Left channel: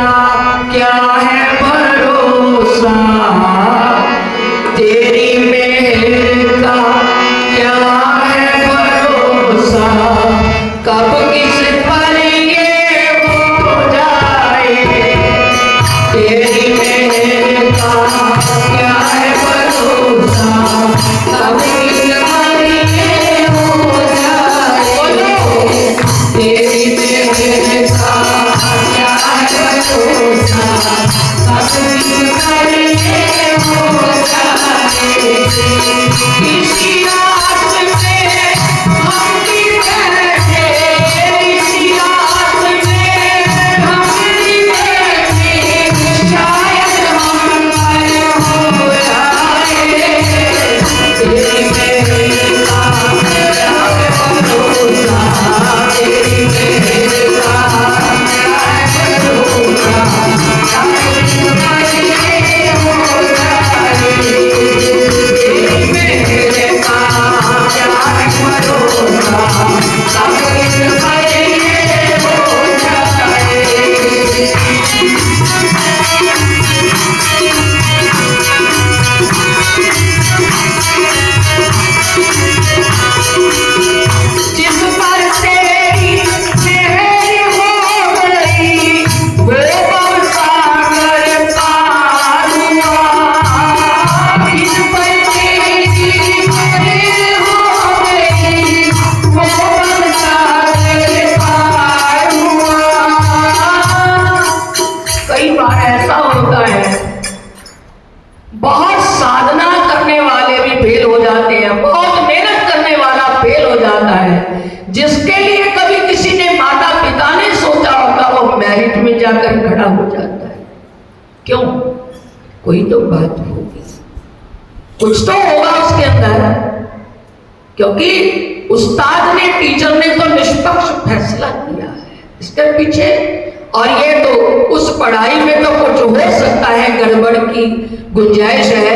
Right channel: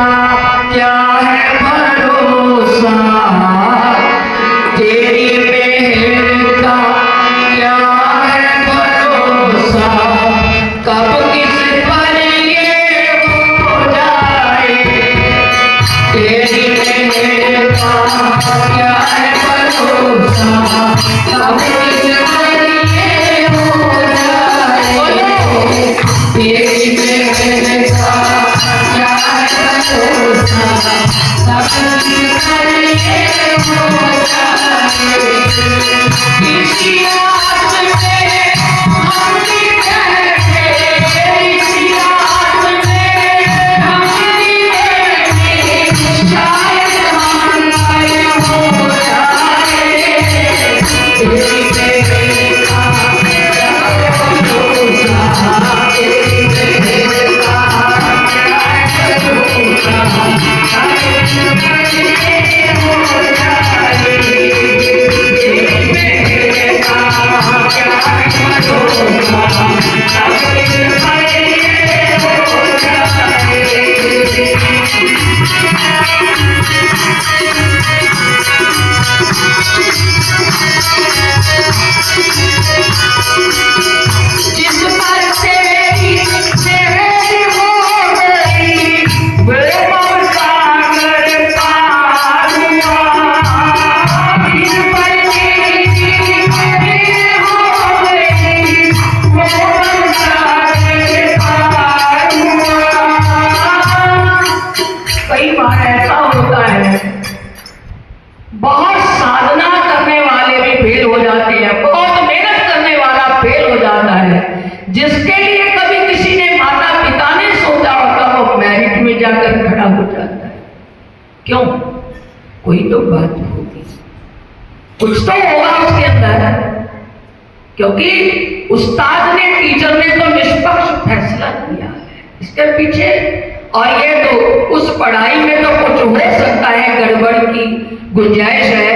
का क्या है भरोसा, तेरी मेहर का क्या है भरोसा, कब किस पर ये हो जाए, तेरी मेहर का क्या है भरोसा, कब किस पर ये हो जाए, तेरी मेहर का क्या है भरोसा, कब किस पर ये हो जाए, किसी आस में हम भी बैठे, किसी आस में हम भी बैठे, शायद हम गायब हो जाए, तेरी मेहर का क्या है भरोसा, तेरी मेहर का क्या है भरोसा, कब किस पर ये हो जाए, तेरी मेहर का क्या है भरोसा, कब किस पर ये हो जाए। जिस पर तेरी मेहर हो गई, वो भवसागर पार हुआ, जिस पर तेरी मेहर हो गई, वो भवसागर पार हुआ। कई बार ऐसा होता है, बहुत साधना करने वाले भी फेल हो जाते हैं, बहुत मेहनत करने वाला फेल हो जाता है, जिसके लिए कभी किसी ने माता पिता ने सोचा होता, वो मेरिट में जाकर खड़ा हो जाता है। क्यों? कोई तो बात होगी, कुछ तो होगा उसके अंदर, क्योंकि उस्ताद ने, टीचर ने तो निष्पक्ष फैसला किया है इसके पीछे, और ये तो उस पढ़ाई में तो कुछ हो सकता है, गड़बड़ की गुंजाइश है,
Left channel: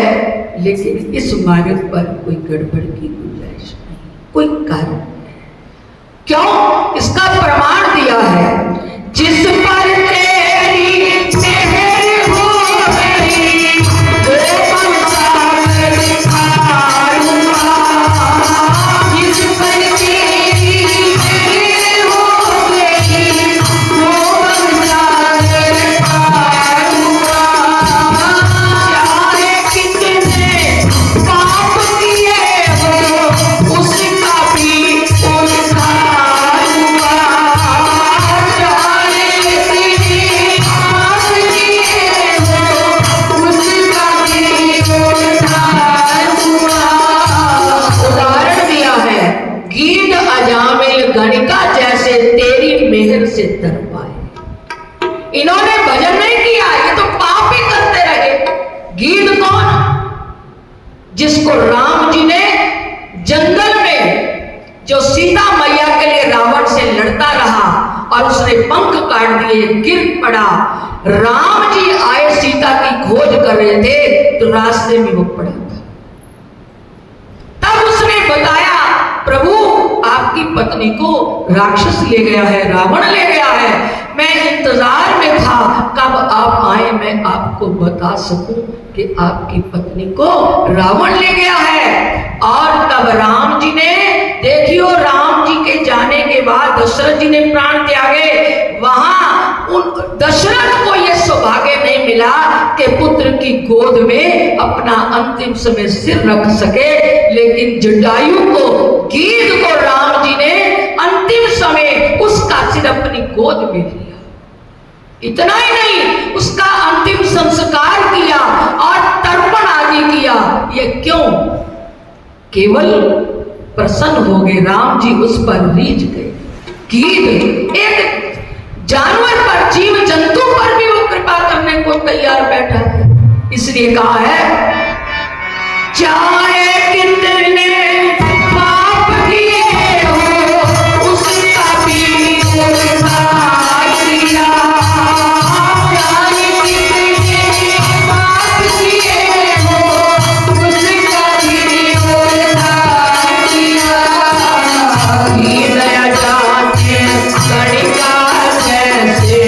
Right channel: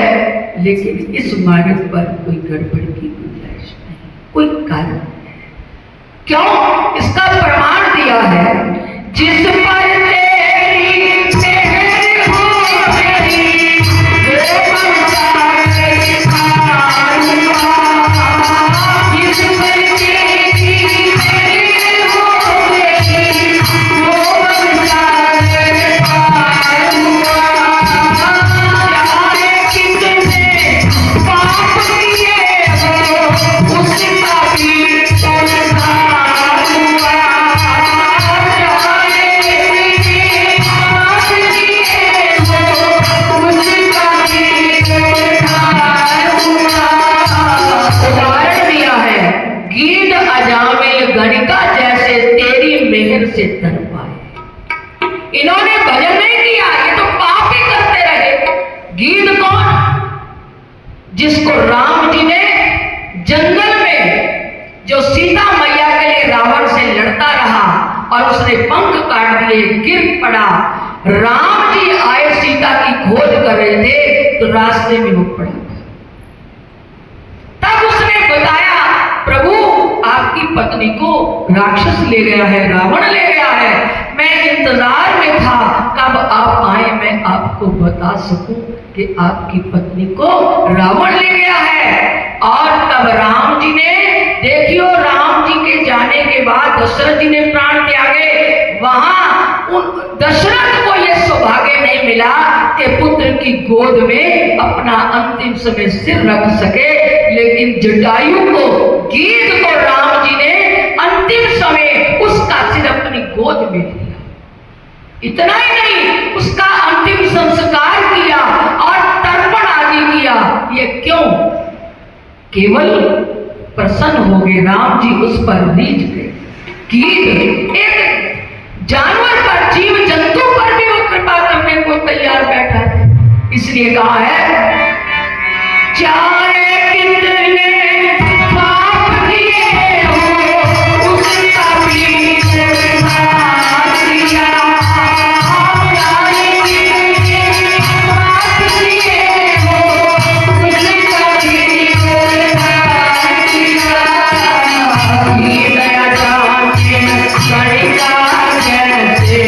लेकिन इस मार्ग पर कोई गड़बड़ की गुंजाइश नहीं, कोई कारण नहीं। क्यों? इसका प्रमाण दिया है, जिस पर तेरी मेहर हो गई, वो भवसागर पार हुआ, जिस पर तेरी मेहर हो गई, वो भवसागर पार हुआ, चाहे कितने पाप किए हो, उसका भी उद्धार हुआ, चाहे कितने पाप किए हो, उसका भी उद्धार हुआ। उदाहरण दिया है, गीद अजामिल गणिका जैसे तेरी मेहर से तर पाए। इन्होंने भजन नहीं किया, ये तो पाप ही करते रहे। गीद कौन? जिसको राम जी ने जंगल में, जो सीता मैया के लिए रावण से लड़ता रहा और उसने पंख काट दिए, गिर पड़ा, राम जी आए सीता की खोज कर रहे थे, तो रास्ते में वो पड़ा था। तब उसने बताया, प्रभु आपकी पत्नी को राक्षस ले गया है, रावण ले गया है, मैं इंतजार में था कब आप आए, मैं आपको बता सकूं कि आपकी पत्नी को रावण ले गया है। और तब राम जी ने, देखियो राम जी के जाने के बाद दशरथ जी ने प्राण त्यागे, वहां उन दशरथ को यह सौभाग्य नहीं मिला कि पुत्र की गोद में अपना अंतिम समय सिर रख सके, लेकिन जटायु को, गीद को राम जी ने अंतिम समय उसका सिर अपनी गोद में लिया। इतना ही नहीं, उसका अंतिम संस्कार किया और तर्पण आदि किया। ये क्यों? केवल प्रसन्न हो गए राम जी, उस पर रीझ गए। गीद एक जानवर पर, जीव जंतु पर भी वो कृपा करने को तैयार बैठा है, इसलिए कहा है, चाहे कितने पाप किए हो, उसका भी उद्धार किया, चाहे कितने पाप किए हो, उसका भी उद्धार किया। ये दया जाने गणिका जैसे,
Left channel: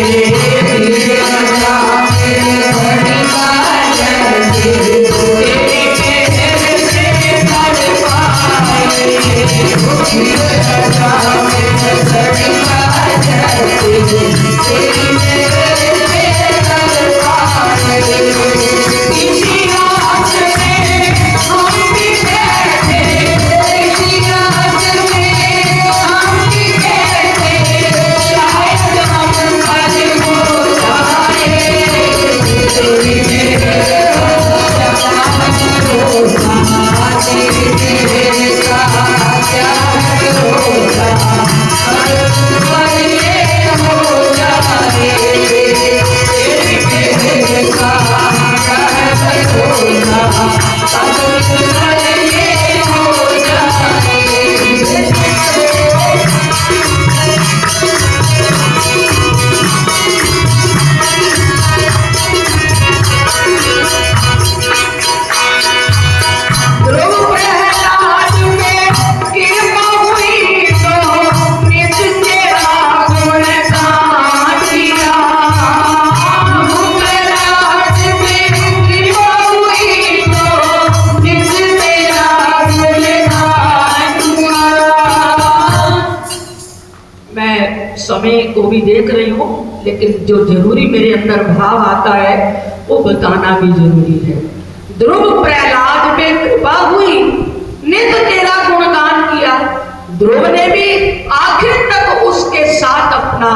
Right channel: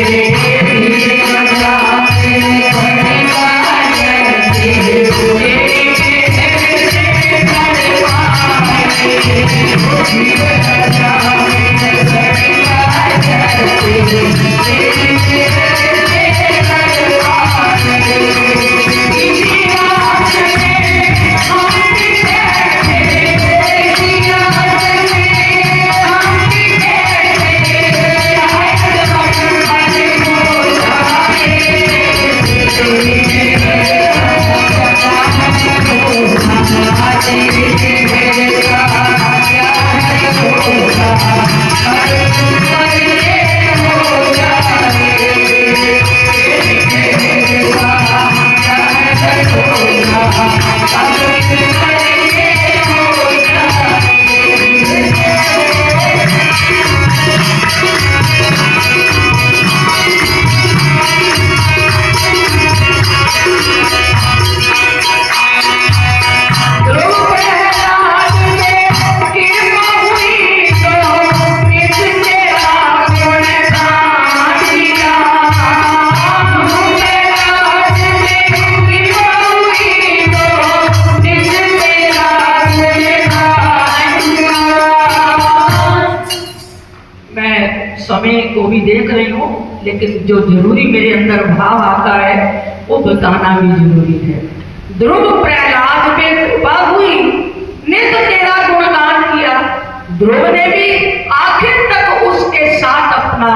भी देख रही हूँ, लेकिन जो जरूरी मेरे अंदर भाव आता है वो बताना भी जरूरी है। ध्रुव प्रहलाद पे कृपा हुई, ने तो तेरा गुणगान किया। ध्रुव ने भी आखिर तक उसके साथ अपना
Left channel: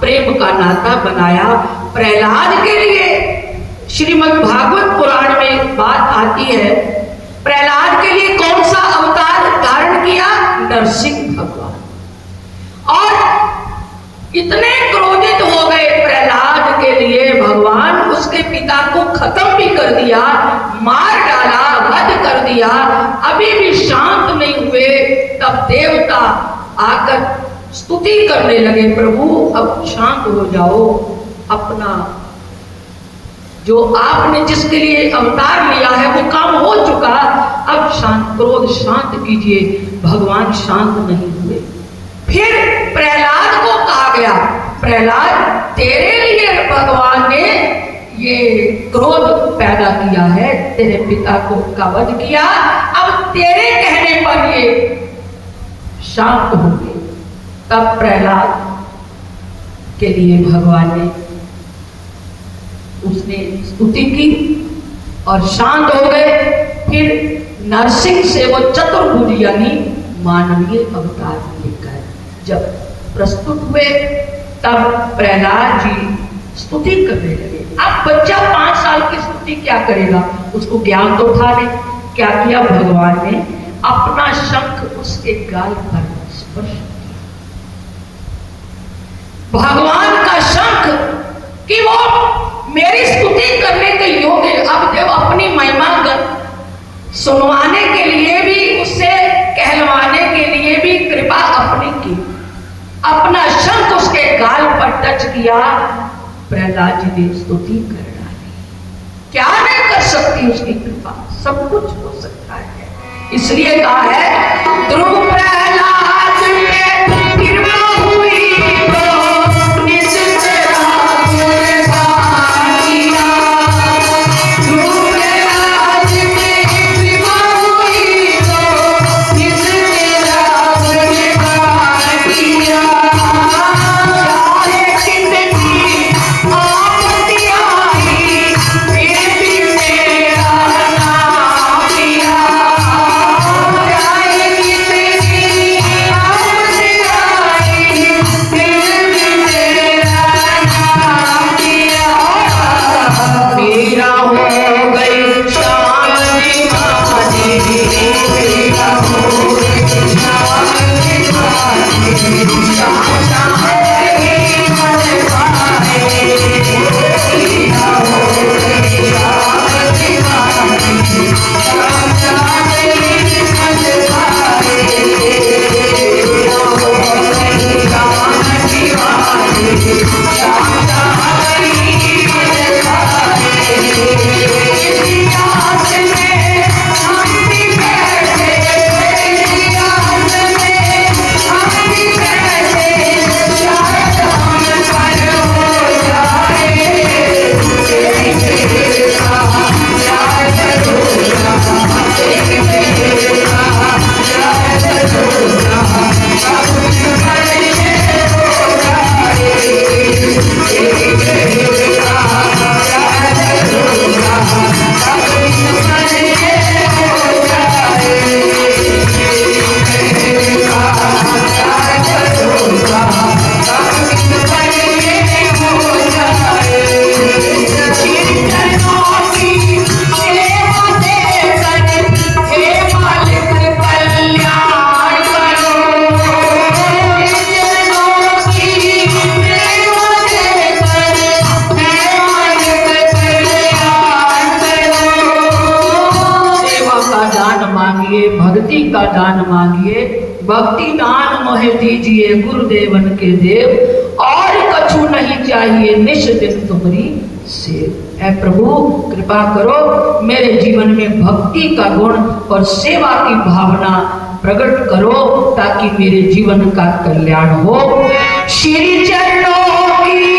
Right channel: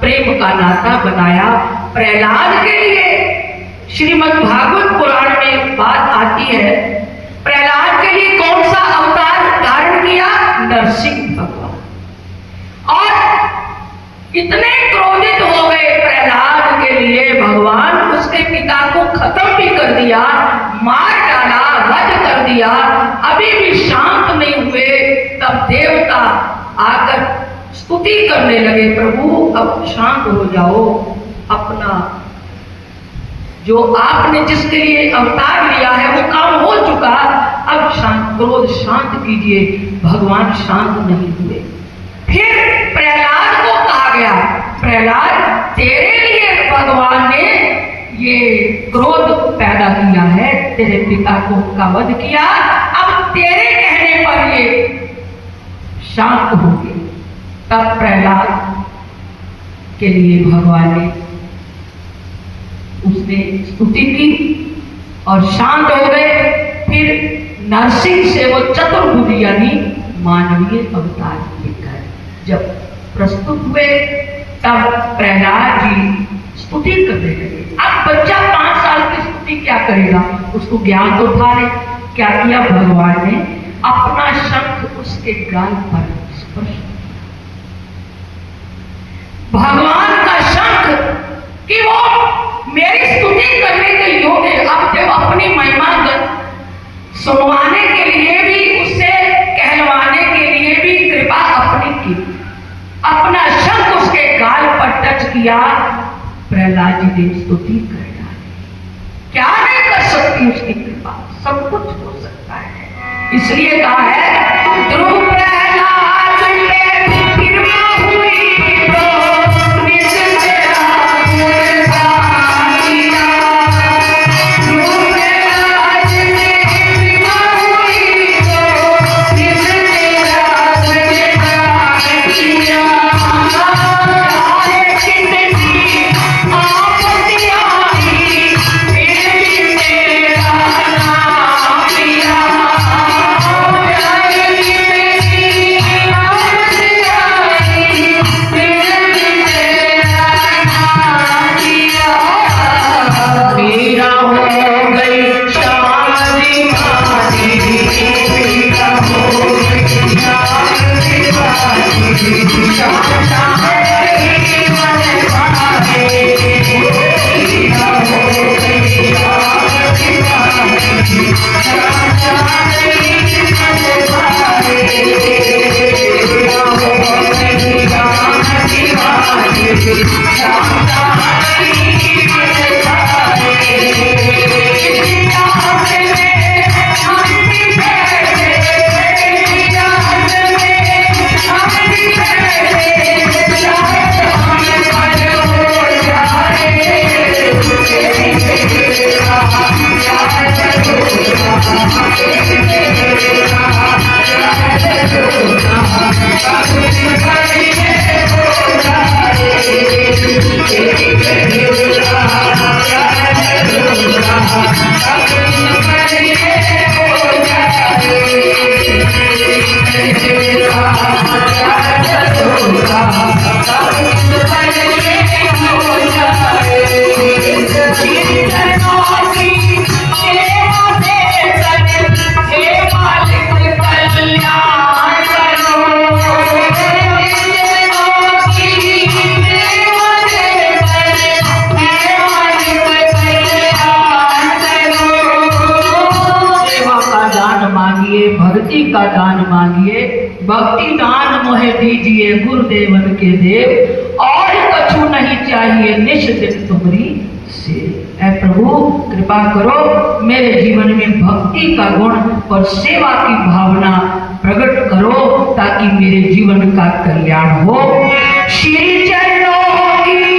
प्रेम का नाता बनाया। प्रहलाद के लिए श्रीमद् भागवत पुराण में एक बात आती है, प्रहलाद के लिए कौन सा अवतार धारण किया? नरसिंह भगवान। और इतने क्रोधित हो गए प्रहलाद के लिए भगवान, उसके पिता को खत्म भी कर दिया, मार डाला, वध कर दिया, अभी भी शांत नहीं हुए। तब देवता आकर स्तुति करने लगे, प्रभु अब शांत हो जाओ, अपना जो आपने जिसके लिए अवतार लिया है वो काम हो चुका, अब शांत, क्रोध शांत कीजिए। भगवान शांत नहीं हुए। फिर प्रहलाद को कहा गया, प्रहलाद तेरे लिए भगवान ने ये क्रोध पैदा किया है, तेरे पिता को का वध किया, अब तेरे कहने पर ये शांत होंगे। तब प्रहलाद के लिए भगवान ने उसने स्तुति की और शांत हो गए। फिर नरसिंह से वो चतुर्भुज यानी मानवीय अवतार लेकर जब प्रस्तुत हुए, तब प्रहलाद जी स्तुति करने लगे। अब बच्चा 5 साल की स्तुति क्या करेगा, उसको ज्ञान तो था नहीं। क्या किया भगवान ने? अपना शंख उसके गाल पर स्पर्श। भगवान का शंख कि वो मेरी स्तुति करने के योग्य, अब देव अपनी महिमा सुनवाने के लिए भी, उससे कहलवाने के लिए भी कृपा अपनी की, अपना शंख उसके गाल पर टच किया। प्रहलाद जी ने स्तुति कर डाली। क्या नहीं कर सकती उसकी कृपा, सब कुछ हो सकता है। इसलिए कहा है ध्रुव प्रहलाद पे कृपा हुई तो निज तेरा गुणगान किया। ध्रुव प्रहलाद पे कृपा हुई तो निज तेरा गुणगान किया। भक्ति का दान मांगिए, भक्ति दान मोहे दीजिए गुरुदेवन के देव, और कछु नहीं चाहिए निश दिन तुम्हारी से। ऐ प्रभु कृपा करो, मेरे जीवन में भक्ति का गुण और सेवा की भावना प्रकट करो, ताकि मेरे जीवन का कल्याण हो। श्री चरणों की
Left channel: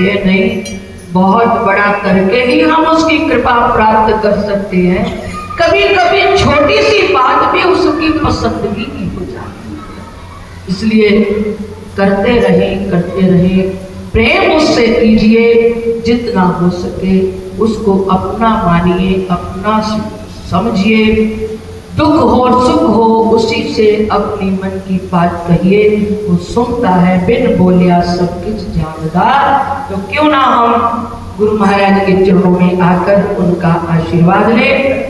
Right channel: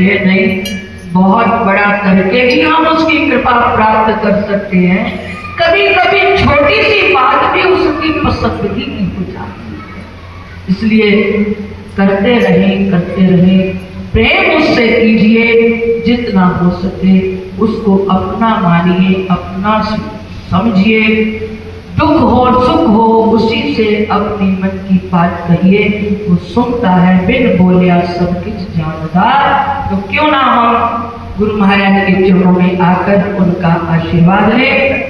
ये नहीं, बहुत बड़ा करके ही हम उसकी कृपा प्राप्त कर सकते हैं। कभी कभी छोटी सी बात भी उसकी पसंदगी की हो जाती है। इसलिए करते रहें, प्रेम उससे कीजिए, जितना हो सके उसको अपना मानिए, अपना समझिए। दुख हो सुख हो उसी से अपनी मन की बात कहिए, वो सुनता है बिन बोलिया सब कुछ जानदार। तो क्यों ना हम गुरु महाराज के चरणों में आकर उनका आशीर्वाद लें।